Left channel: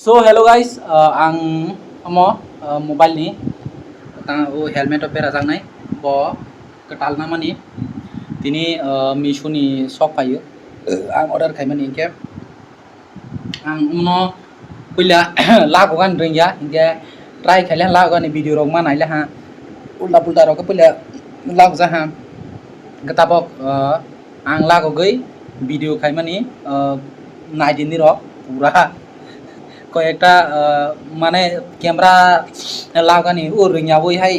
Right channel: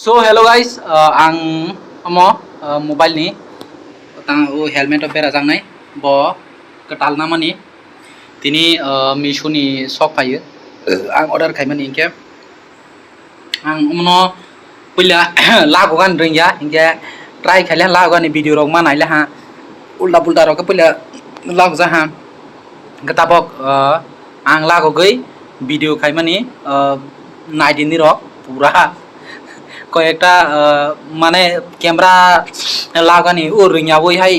So hello guys, ang mobile ni tang helmet of pera jangnai bo ketal namani tini Misho ni shop payo ang order khaimani inke ang puila lago gan ringya inke try khaile lago ni video rok manaile ha ulta pulta rok puila lago ja ha ketabok ang lago gei video khaimani naidini rok pura কয়েকটা মানে ক্যামেরা লাগানি ও রিংয়া বই হাই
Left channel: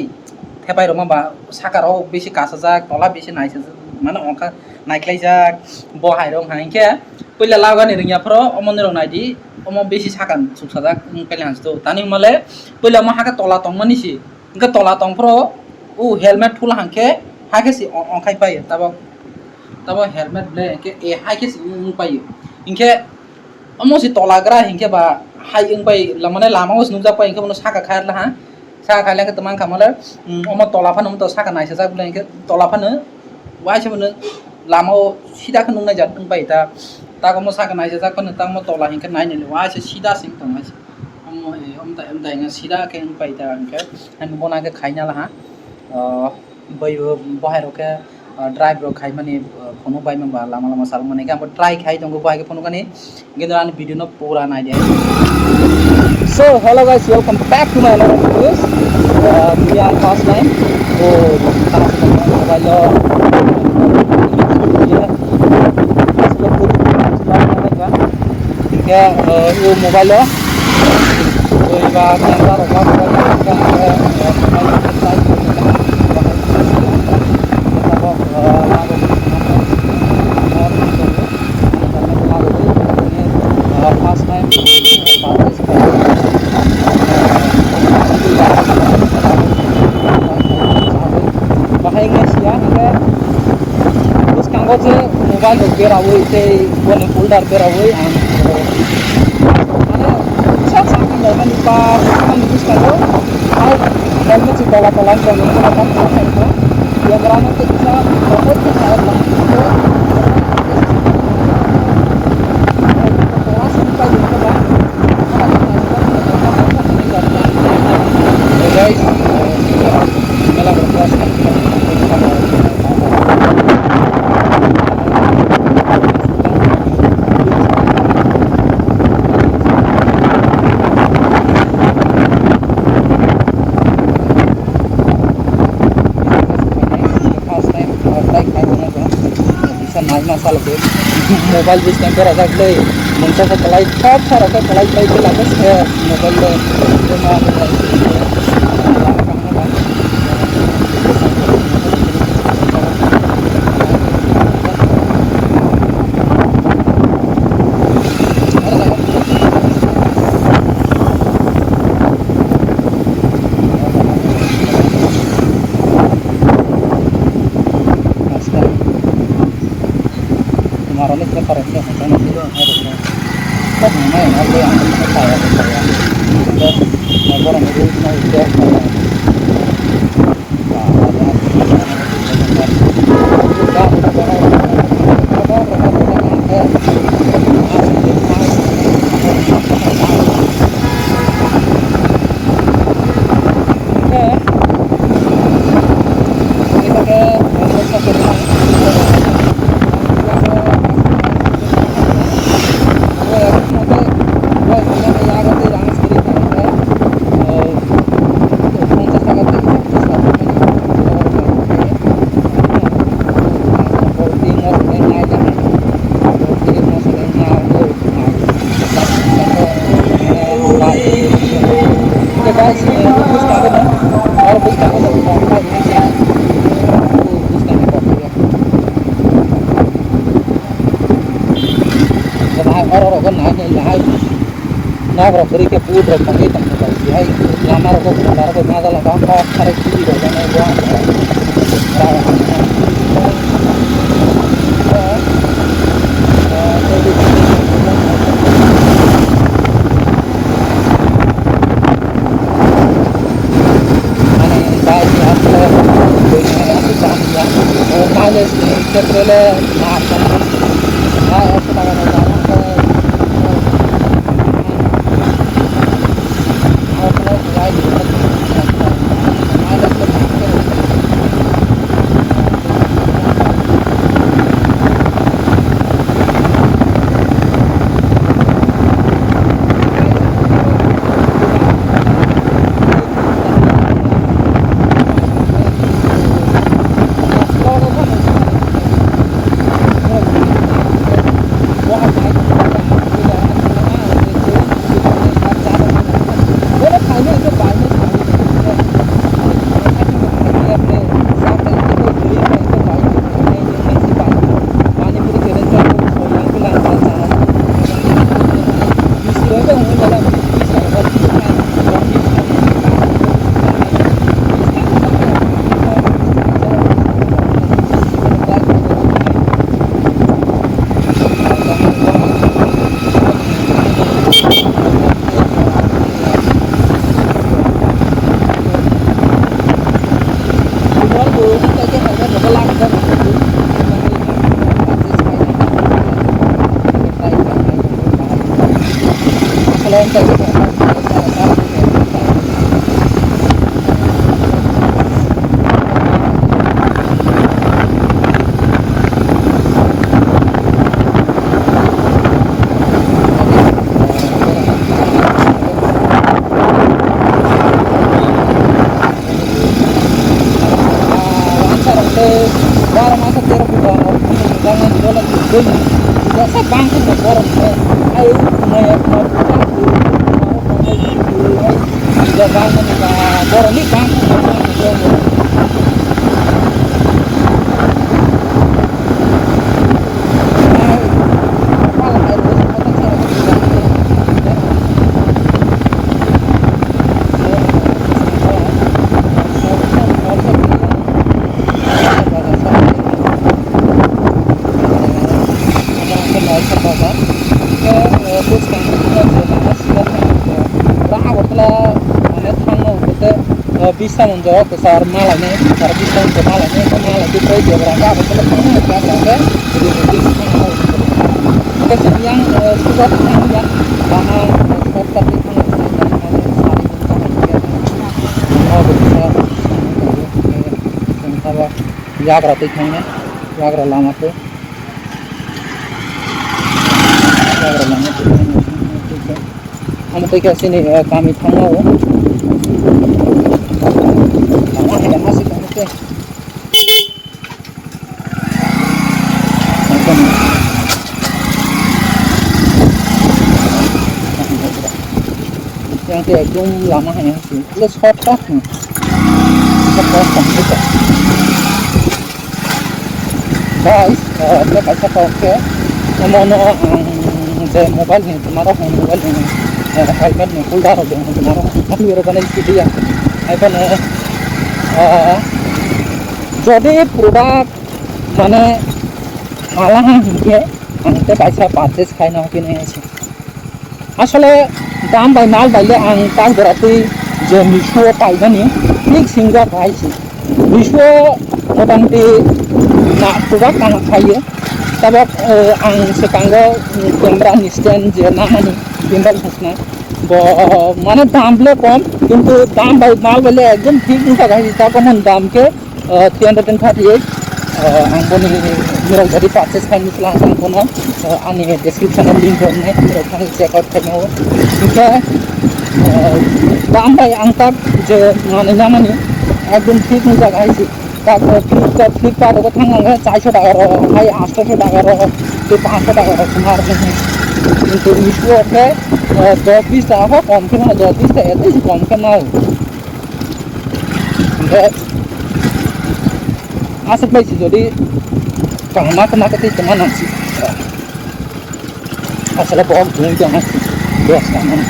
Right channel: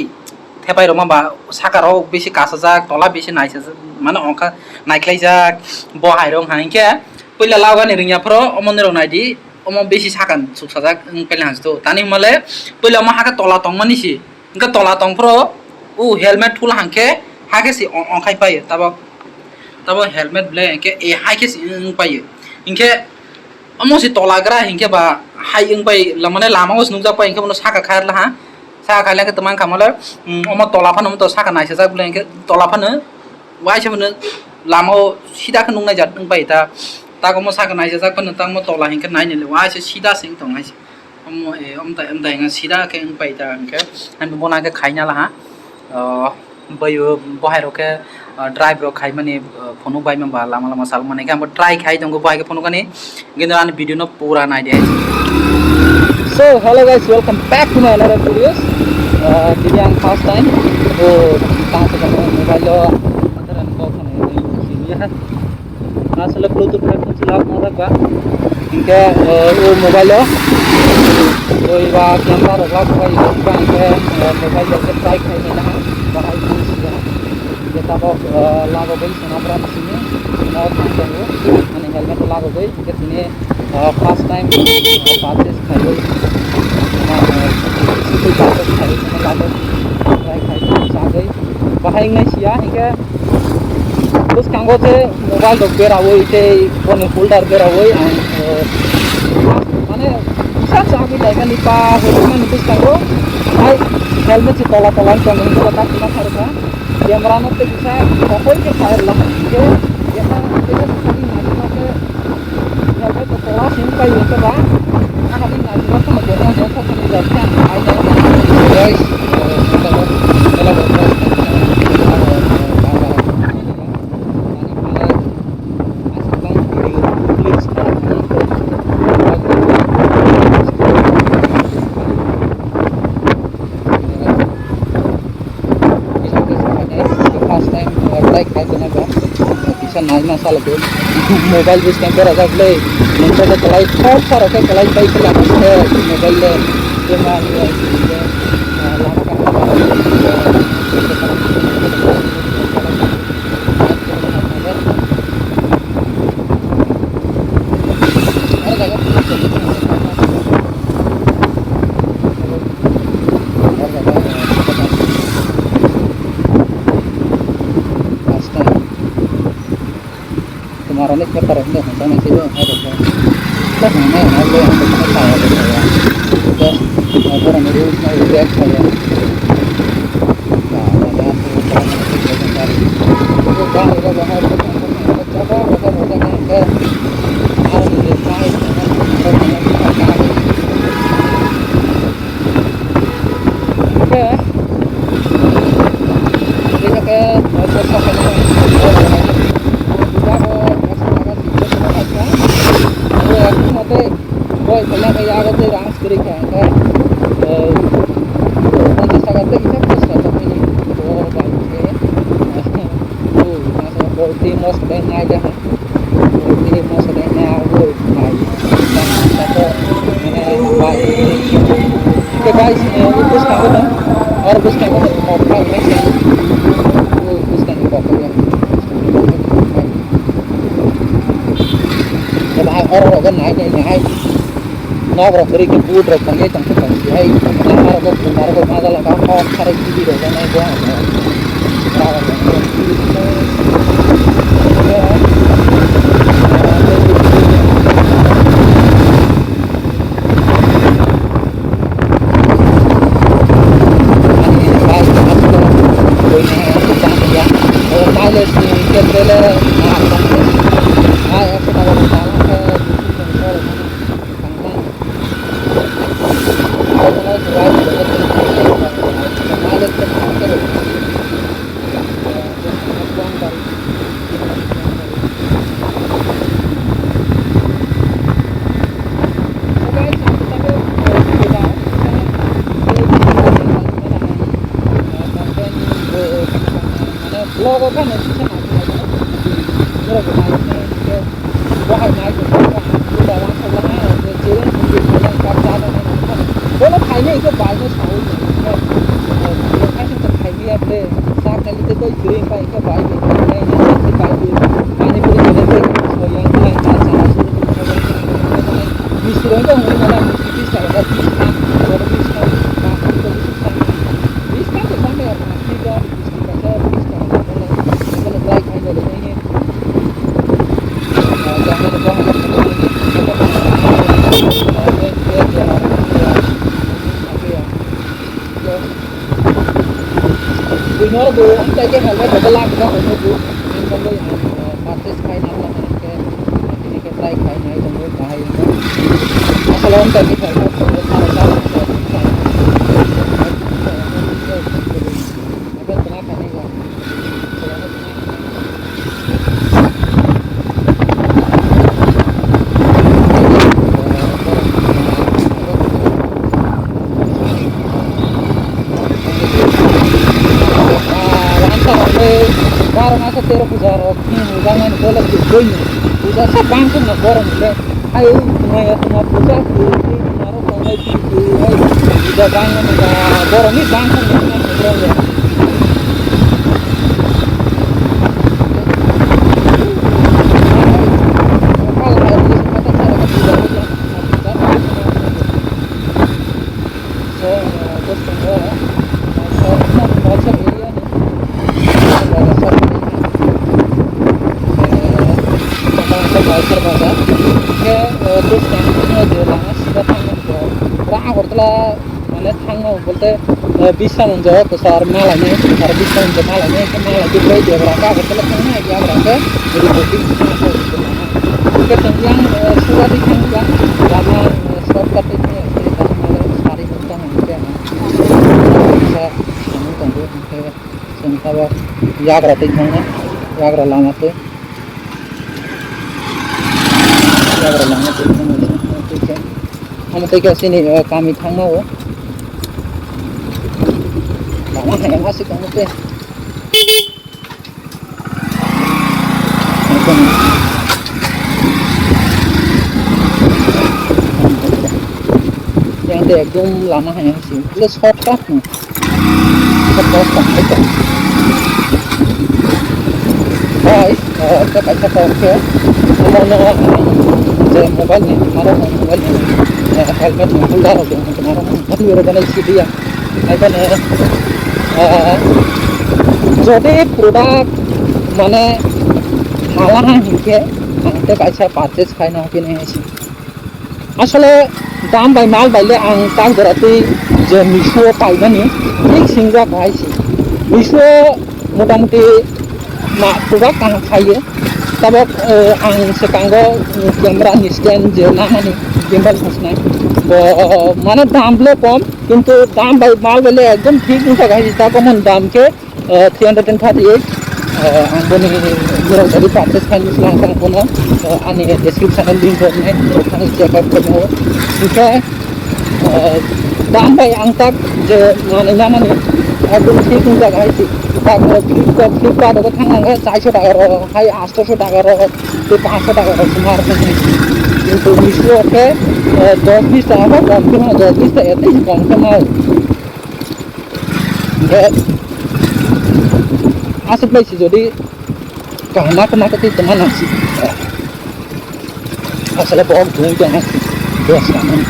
থেপাই রমা বা সাকারাও বেশি কাঁচা যাক তলা বেশি নাইসা মানে অঙ্কা নাইখ্লাই যাক বহাই রং হাইকে পইলা লাগানি রিংয়াফ্র অমনের নাইদি অম বেশি সাকান সুকসা যাক পেলে হাসতো তানি মালে পইলা মা হাকা তলা তং মানিসি ইনকা তলা তংফ্র ও হেলমেট ফুল হাঁকে হাকেসি অঙ্কাই পাইयो তাবো হেলমেট ব্লে একে এ হাইকেসি পাইयो ইনকে अमोसी तोलाग्रा हिंके बा हाई इंग पाई लमने लामा उस नुजा पाई इंके मनो साका खायर ला हा साका खायला के तमान खामले अमो तोलाफान अमो तो साका नाइसे जा बुले इंके तोलाफान वाइसे मनो लामा सीधा के नुंगनाय जात इंग पाई ता गमो साका नाइसे जा पन तांग मो तोला हिंके नाइने ले वाइसे सीधा सिंग तो नाइसे अमो ए अमता इंगा सीधा के इंग पाई ता इंके हम बना के खाइना ला हा बयो बहायरो के ड्राइव रok khai mani phone bai mamba lama lama sal mane ga try khai dong bai ke phone kani gindu an video no pura nai de. So hello guys, welcome back to my another videos. Ini yang first time tang se mobile lo asal bluetooth ke selar na ba inke mobile lo oi ba camera rok la bai ba ke mobile lo ke try khai na ba hai kita bok lagu beli senapra sini mau tunggu ani helmet lagu beli ini first time purchase kaya itu purchase kaya lagu cabai bahaya nggak sih ya hingga terus kanggo se mobile dok berawoi te bone folder berawoi ang ane bisa sakit dengan nipa hukuman itu kanggo hai helmet si tola-tolan kanggo itu letak dengan harga yang meramah ke bisa pokok ke air lah ke helmet tola sampai yang ke bang akan naik ke bawah ini datang aja guys kita berproses kita bisa naik masalah tu mobile bis kamera ada play muncul ke kelai thor thor ke kelai baik ke lakas mobile le cuma lama kamu kemarin ini kita taruh ini sampai nanti itu harus kan mana yang ada yang kita saya terus orang itu mau lihat saya ada udah harus desain oke kita ke workshop ini boy pernah kayak aku tuh rangs beri kan kontes tagate itu bisa tapi ini jual kayak seperti mau sedang aja seperti mau sedang aku naik satu oke guys bus kawan ya और bus kawan itu apa ini ya bus kan itu apa ya bahaya orang kan naik नाव रखरी के पूट रख पंगे तंग तंग यही लामा रखो बंदार को मादा लगा और सारे की भी रहने को राव अनि बाइक आपले कोई नहीं आपको जान दिया और माइलेज के ट्रेलर ना आता है हां ऐसा लगा रहा है बहायनाय लाना थांलाङा जेरै बिफांनि हाब जालाङा बोला थाइनै इखौ बायनो सावो लेखाजों थाइनैयाबले जागोन जेबो गैयैखाय इखौ बायनो थाइनै मोनसे बायगो मानिपुरि गेलेफोर सयां गोलां जाना मिस्टिरखौ हमो नालाय मिस्टिर सारा बिसना दं बिसना बिसना तो sampai apa kita kita baik kita ini jangan lupa Benar bu, kita ke helmet double lang kita untuk bu, ini practice kain apa ini kita try kain untuk bahaya. Kalau kita ke helmet salah Barang masa terus pujar, jangan boleh bergay. Pujar sabang tu nak barang saya. Ayo, maya pujar tu, maro maya tu, ayo. Pujar jangan nak barang ni bang tu nak bergay. Kalau air tu kita cara kita pujar ni. Bazar ke terus kan itu lama sudah tanggung rah bertelah mana tanggung betul bisa menjawab besar malahnya besar bisa menjawab malahnya kan malah itu dia berangkat bertelah tanggung itu berangkat jadi penting kita yang sudah ditanggung ya lama stop tapi tanggung ini tadi malah sehari mentah juga bisa tanggung sementara jaga tanggung jaga lama tu jaga lama tu ठीक है हम तो कैसे नहीं कामी थांगा वो lama है यहाँ से काम पे yang tu एकदम lama है यहाँ से plus hot top nih सब बहुत कम है guys kita baca topnya mono जे मोबाइल में तुम्हारा मोबाइल में हेलमेट में फुल डाल दो तुम्हारा मोबाइल मेरे बने सीधी है এখন যদি প্রোডাক্ট মানে হালাহা হিংকে আংতে কাইসা পারচেজ খাইনা কিনে এসে আসলে দাম বাই মাল বাইলে আং তাক ধরাতে যে মিশো পাইবানি ঠিক সিংরা খাইছি মিশো মোটামুটি না প্রোডাক্ট আং খাইয়ে तब आं सेकांगो कैमरा स्टैंड जे नामानी गिम्बल हसना माने दाम ले कम किंतु दाम बाय माल बेले एकदम ठीक नुका गाइस ता कमन दाम के 338 आं बनि मिरल जदि पार्चेस खान मुसला सा कोना आनि डिस्क्रिप्शन लिंक होने थां चेक आउट करनो इनका दाम बाय आं तक जे माने नामानी एकदम ठीक नुका गाइस फ्लिपकार्ट को थांगा 400 টাকা हाई 800 টাকা तो 500 টাকা तुम्हार किंतु मिशो के 10-20 টাকা कम के ना 10-20 টাকা एते कम के ना आसे पैसे जदि कहना कना कति तमा नासी असले बहुत धुई के हास बेस कामन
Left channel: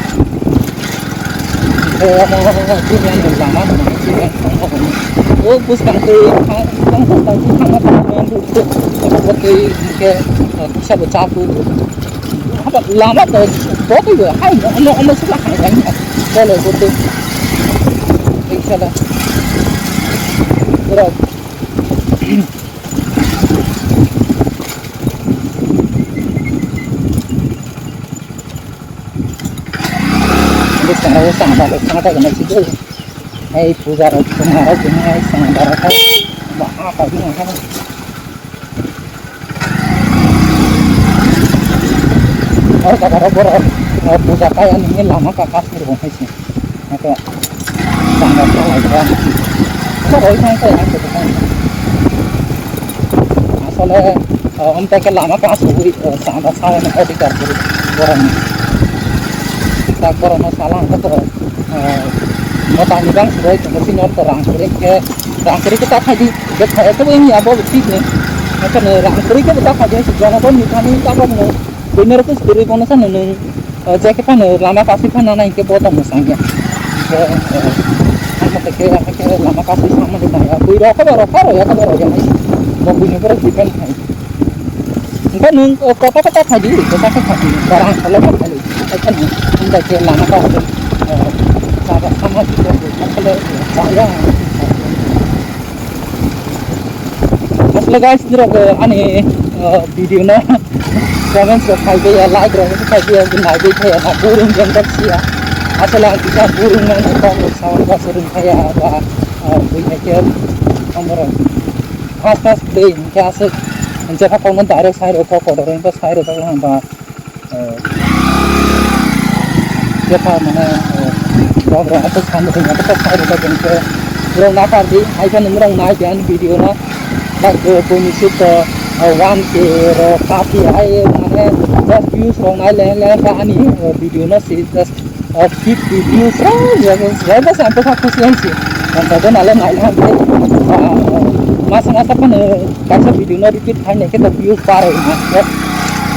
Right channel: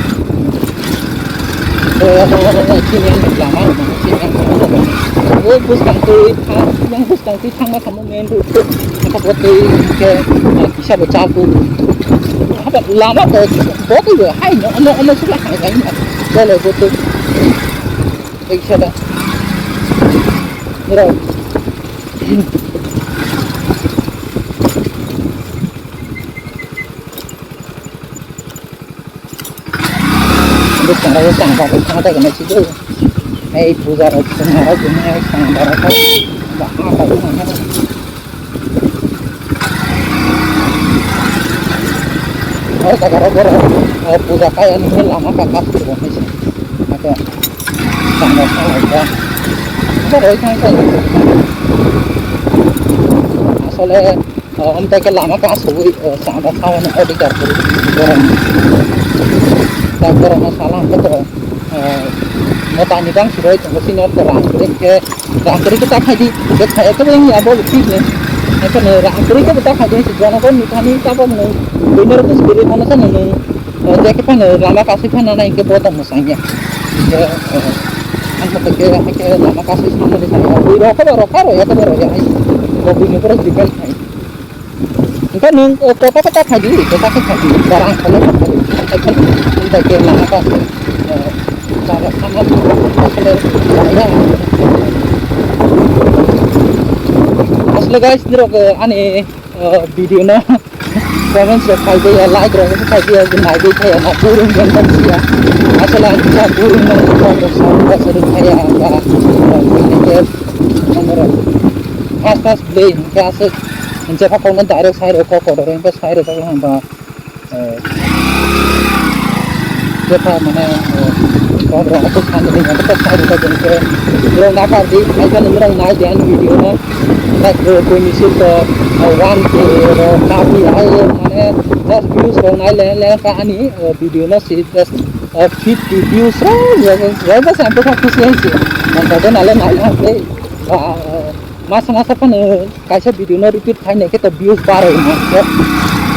yang lama yang oh bus kangti yang bus kangti thang thang men itu apa tu ke bisa baca tu apa lama tu बहुत ही hai no sudah hai lain kalau betul bisa dah terus sekarang sang baru sang tak kena situ, hey puja orang semua punya hey sang baru kai, apa itu mana? और करो बरो पूजा का यानी लामा का कास कर बोले छे मके सांगा सा लाइका तो रोई खान से আসলে Om tak lama kas hui sama sama odi kar puri orang tak orang masalah kan tu mau tanya bang sudah itu mesti nol terang kuri kita kaji kita itu yang apa bukti ni kan rang kuri kita kaji sejarah pun ni tak pun benar tu sebenarnya mana sana nung jadi kan lama kasih kan anak ini buat tamu sangnya anak tak lama kasih sama ni saya bui rokar ya kabar ya mau bunyi perut dipel kan nung kota kaji barang kalau kali kan tak lama kasih cara sama kalau saya asal guys dirok ani video na comments kai ya like ro kai ya gunai be kai na burung jantan sia asal kita burung nang ko sound ka seru kaya ba ini ke nomor pas play ke asal jaka kau nan direct side ko ro pas side ro ba jaka mana program aku sangat dengan pas side ro ke rong na kar di ai kan rong na dan video na like कोई निश्चित 1K रो काफी आए माने 10 views रो नाइ ले का अनि वीडियो न से 50 views रो ये बस sampai का खुशी है sih dan tadi नाले नाइ ला पे masa-masa pan kaisa video न repeat खाने के तो views पार है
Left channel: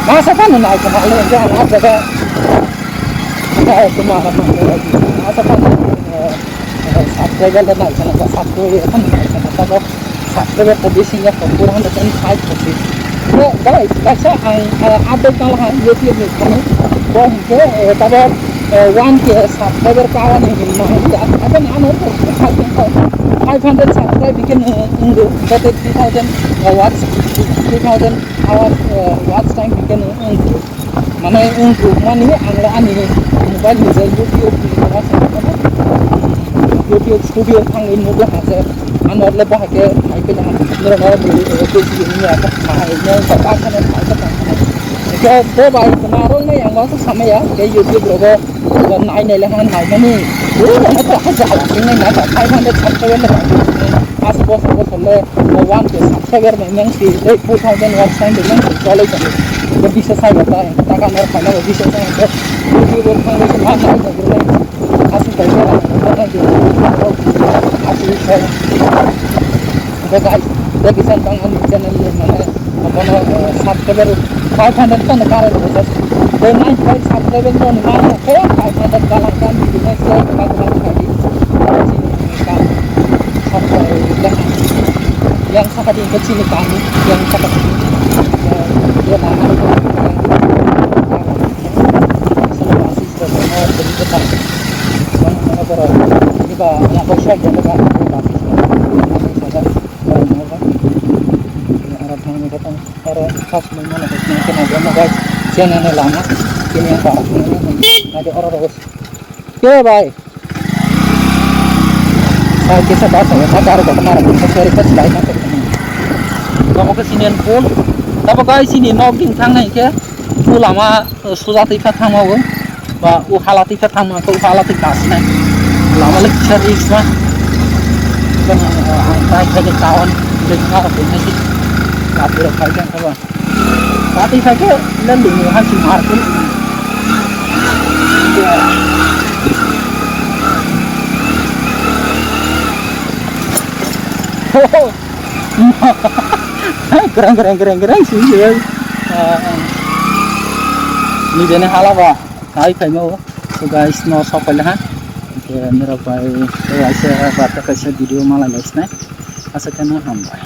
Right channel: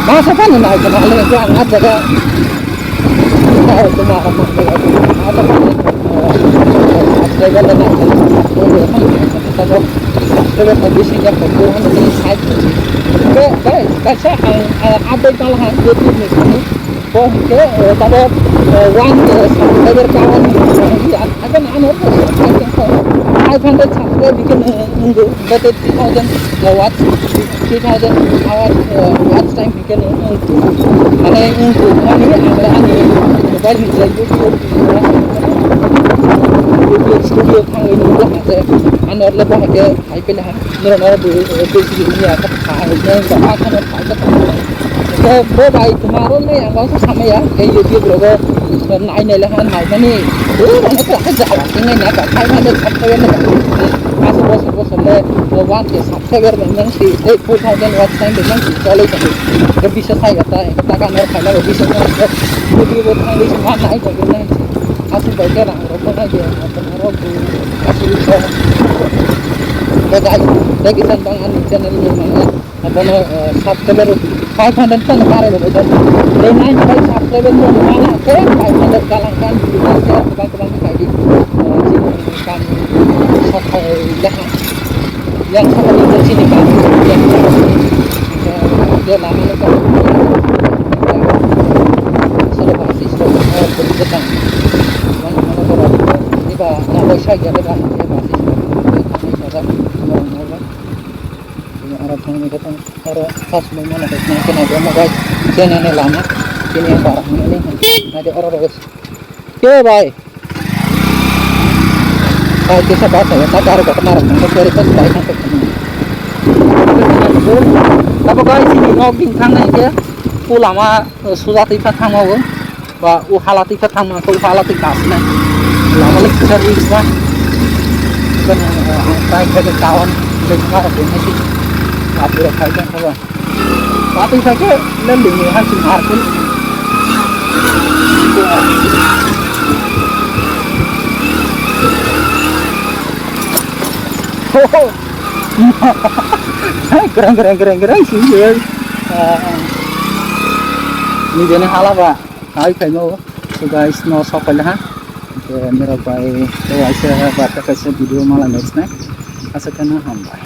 masa pan नाइ का नाले जो आना जगह है तुम्हारा masa pan subscriber ना चला subscriber kan kita subscriber habisnya kekurangan dengan site tadi. Guys, kaca update malah YouTube ni kami. Boh ke pada 1K subscriber kawan ini. Apa nama tu? 500 subscriber bikin undu. Kata 3000 watts, 3000 hour watch time bikin undu. Mana undu? Mana ni angla ani mobile ni YouTube YouTube studio thang in muda hase anor le pa ke ai pe han nor nor bu ko si ni ya ka khai ne ka a khan khai ka ta ke bo bai tumaro ne yang ba sama ya ke YouTube ro go nai ne le han hai ni bu na ta ha ja wa ngai na ka 500 subscriber le ba as bo so le 1K subscriber me nang si 4000 watch time nang si chole ta ke bisa saya ta ka nor khai na bisa YouTube thang le ma nai ga ge asal baca lah, orang dia, asal itu. Guys, lagi santang ani channel ni mana, apa no subscriber 500 kan kare loh betul. Dan naik kali subscriber no mana, kaya 500 kalang kan, kita sekarang bang kaji, sini kan, sampai dah, yang sampai di sini kan, yang sampai sini, dia lama tu, selepas itu beri petang. Mana korang ini bah nak bersih jadi bah ini basis kami saja orang orang ini orang thang ni kata orang khas mana nak kena agama guys jangan ni lama ini yang barang ini ada orang terus ke bye saya kisah bahasa ya tak ada kemarin untuk verifikasi baik sampai sini kalau ke sini full tapi guys sini noggin thang ni ke full lama sudah tiba thang mau và u halati phát thang mà u halati kas này là mà lịch seri quá kan tay cái kawan lên ngao được hay gì gặp được phải cái các bạn tapi phải cái lên đỉnh người hay chịu hạt cũng keren sih ini jenis halal pak hai phải mau so guys no so pala ha ke mera pai to aisa bata kaisa video mala next na asa kana hamba